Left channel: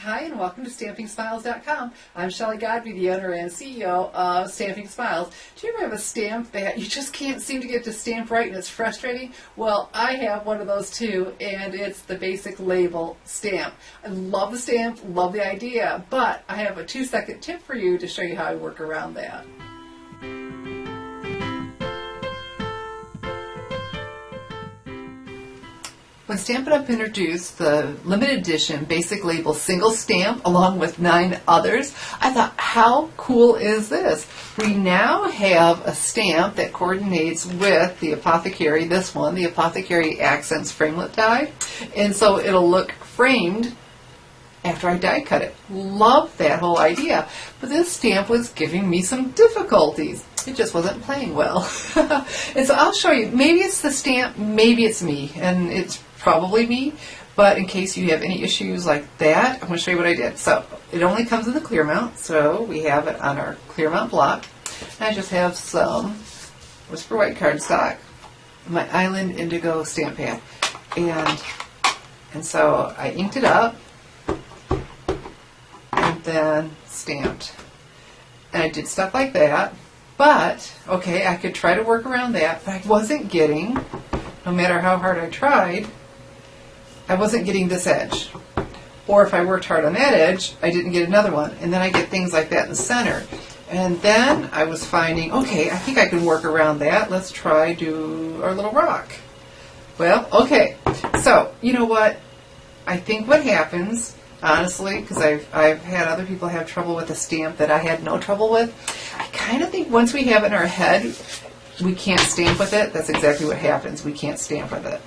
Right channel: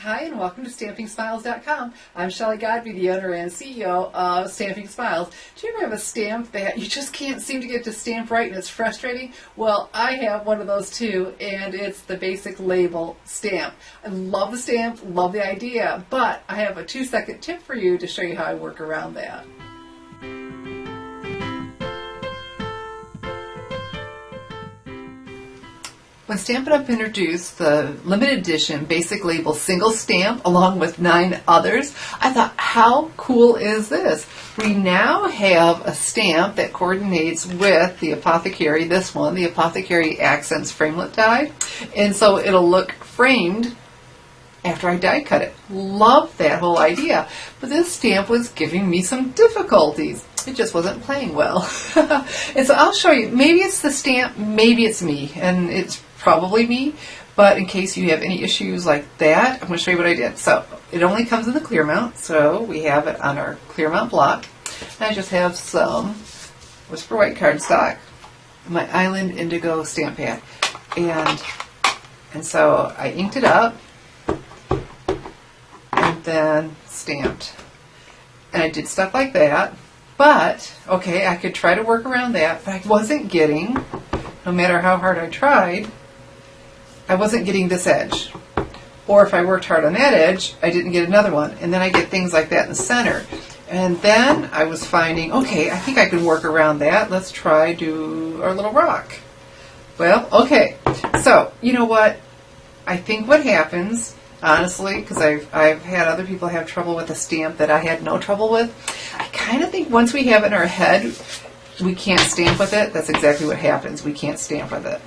Hi, and welcome to StampingSmiles.com. I'm Shelley Godby, the owner and CEO of Stamping Smiles. Do you ever have a stamp that you just can't seem to get to stamp right and it's frustrating? Well, I have one of those too, and it's the basic label stamp. I love the stamp, love the idea, but I have a 2-second tip for you to show you how I work around that. When Stampin' Up! Introduced the limited edition basic label single stamp along with 9 others, I thought, how cool is this? We now have a stamp that coordinates with the Apothecary, this one, the Apothecary Accents Framelit die, and so it'll look framed after I die cut it. Love that whole idea. But this stamp was giving me some difficulties. It just wasn't playing well. And so I'll show you. Maybe it's the stamp, maybe it's me, and it's probably me, but in case you have any issues like that, I'm going to show you what I did. So it only comes in the clear mount, so we have it on our clear mount block. I just have some Whisper White cardstock, my Island Indigo stamp pad, and so I inked it up and then stamped. And I did stuff like that, but okay, I could try to work around that, but I wasn't getting, no matter how hard I tried, I wasn't getting this edge. Or if I worked hard on that edge, I didn't get another one. And then I get things like that in the center. And then I was finding, okay, I think I can work around that. Let's try do our little rock. Well, okay. So, you know what? I think what happens, honestly, because I've had other people have trouble with a stamp that I had no trouble with, I kind of think once we have it in our head, we can't stamp with it. That's exactly what happens. We can't stamp with it.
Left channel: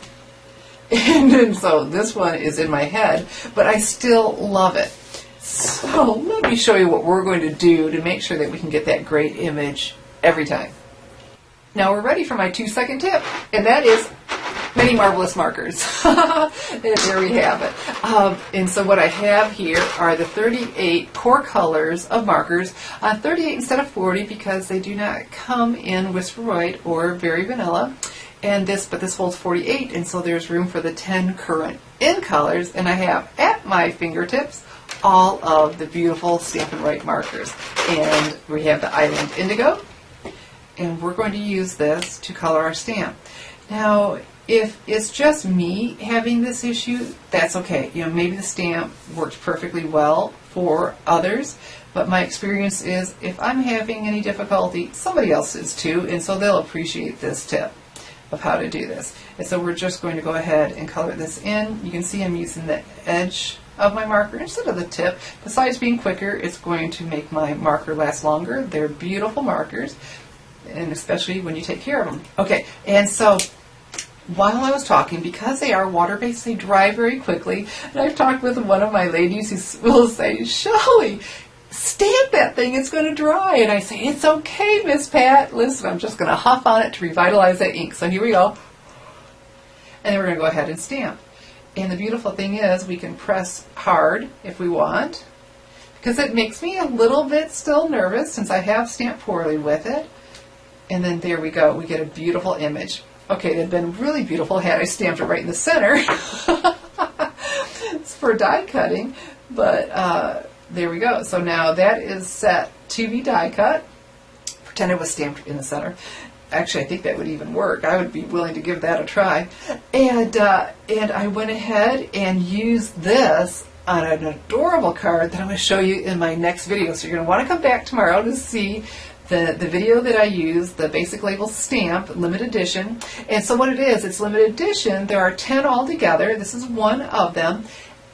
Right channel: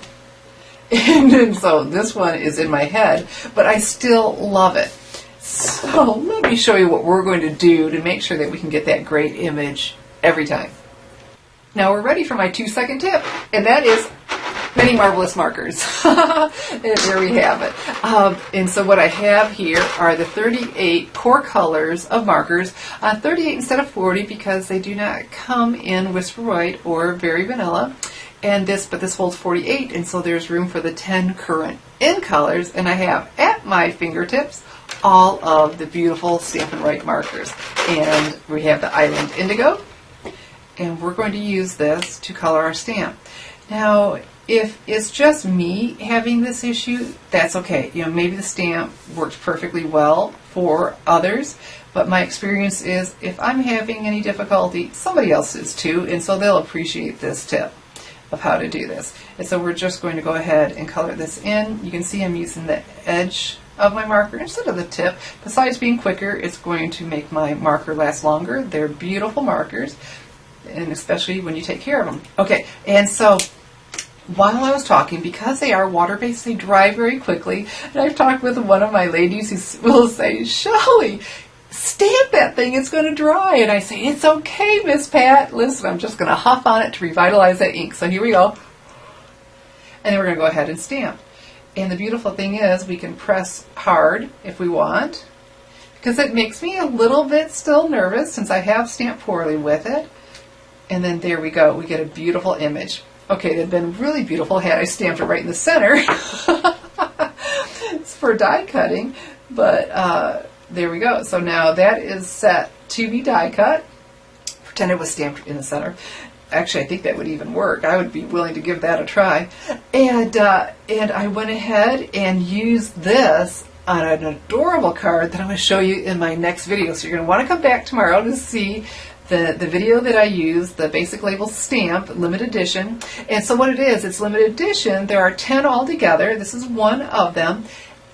And so this one is in my head, but I still love it. So let me show you what we're going to do to make sure that we can get that great image every time. Now we're ready for my 2-second tip, and that is many marvelous markers. And there we have it. And so what I have here are the 38 core colors of markers. 38 instead of 40 because they do not come in Whisper White or Very Vanilla. And but this holds 48, and so there's room for the 10 current in colors. And I have at my fingertips all of the beautiful Stampin' Right markers. And we have the Island Indigo, and we're going to use this to color our stamp. Now, if it's just me having this issue, that's okay. You know, maybe the stamp works perfectly well for others, but my experience is if I'm having any difficulty, somebody else is too, and so they'll appreciate this tip of how to do this. And so we're just going to go ahead and color this in. You can see I'm using the edge of my marker instead of the tip. Besides being quicker, it's going to make my marker last longer. They're beautiful markers, and especially when you take care of them. Okay, and so while I was talking, because they are water-based, they dry very quickly. And I've talked with one of my ladies who will say, Shelley, stamp that thing, it's going to dry. And I say, it's okay, Miss Pat. Listen, I'm just going to huff on it to revitalize that ink. So here we go. And then we're going to go ahead and stamp. And the beautiful thing is we can press hard if we want, because it makes me a little bit still nervous since I have stamped poorly with it. And then there we go. We get a beautiful image. Okay, it'd been really beautiful had I stamped it right in the center. It's for die cutting, but there we go. So now that is set to be die cut. Pretend it was stamped in the center. Actually, I think that would even work. I would be willing to give that a try. And I went ahead and used this on an adorable card that I'm going to show you in my next video. So you're going to want to come back tomorrow to see the video that I used, the basic label stamp, limited edition. And so what it is, it's limited edition. There are 10 altogether. This is one of them.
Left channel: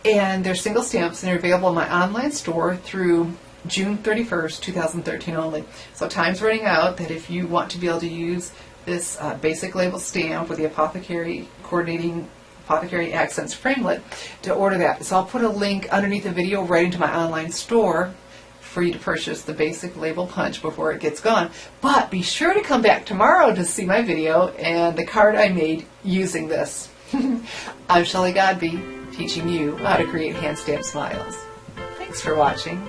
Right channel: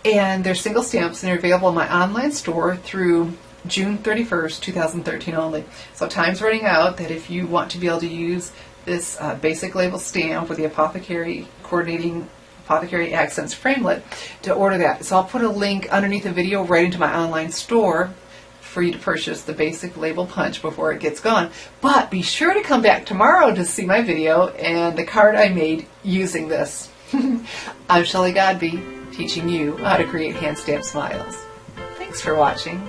And they're single stamps, and they're available in my online store through June 31st, 2013 only. So time's running out that if you want to be able to use this basic label stamp with the Apothecary coordinating Apothecary Accents Framelit to order that. So I'll put a link underneath the video right into my online store for you to purchase the basic label punch before it gets gone. But be sure to come back tomorrow to see my video and the card I made using this. I'm Shelley Godby, teaching you how to create hand stamped smiles. Thanks for watching.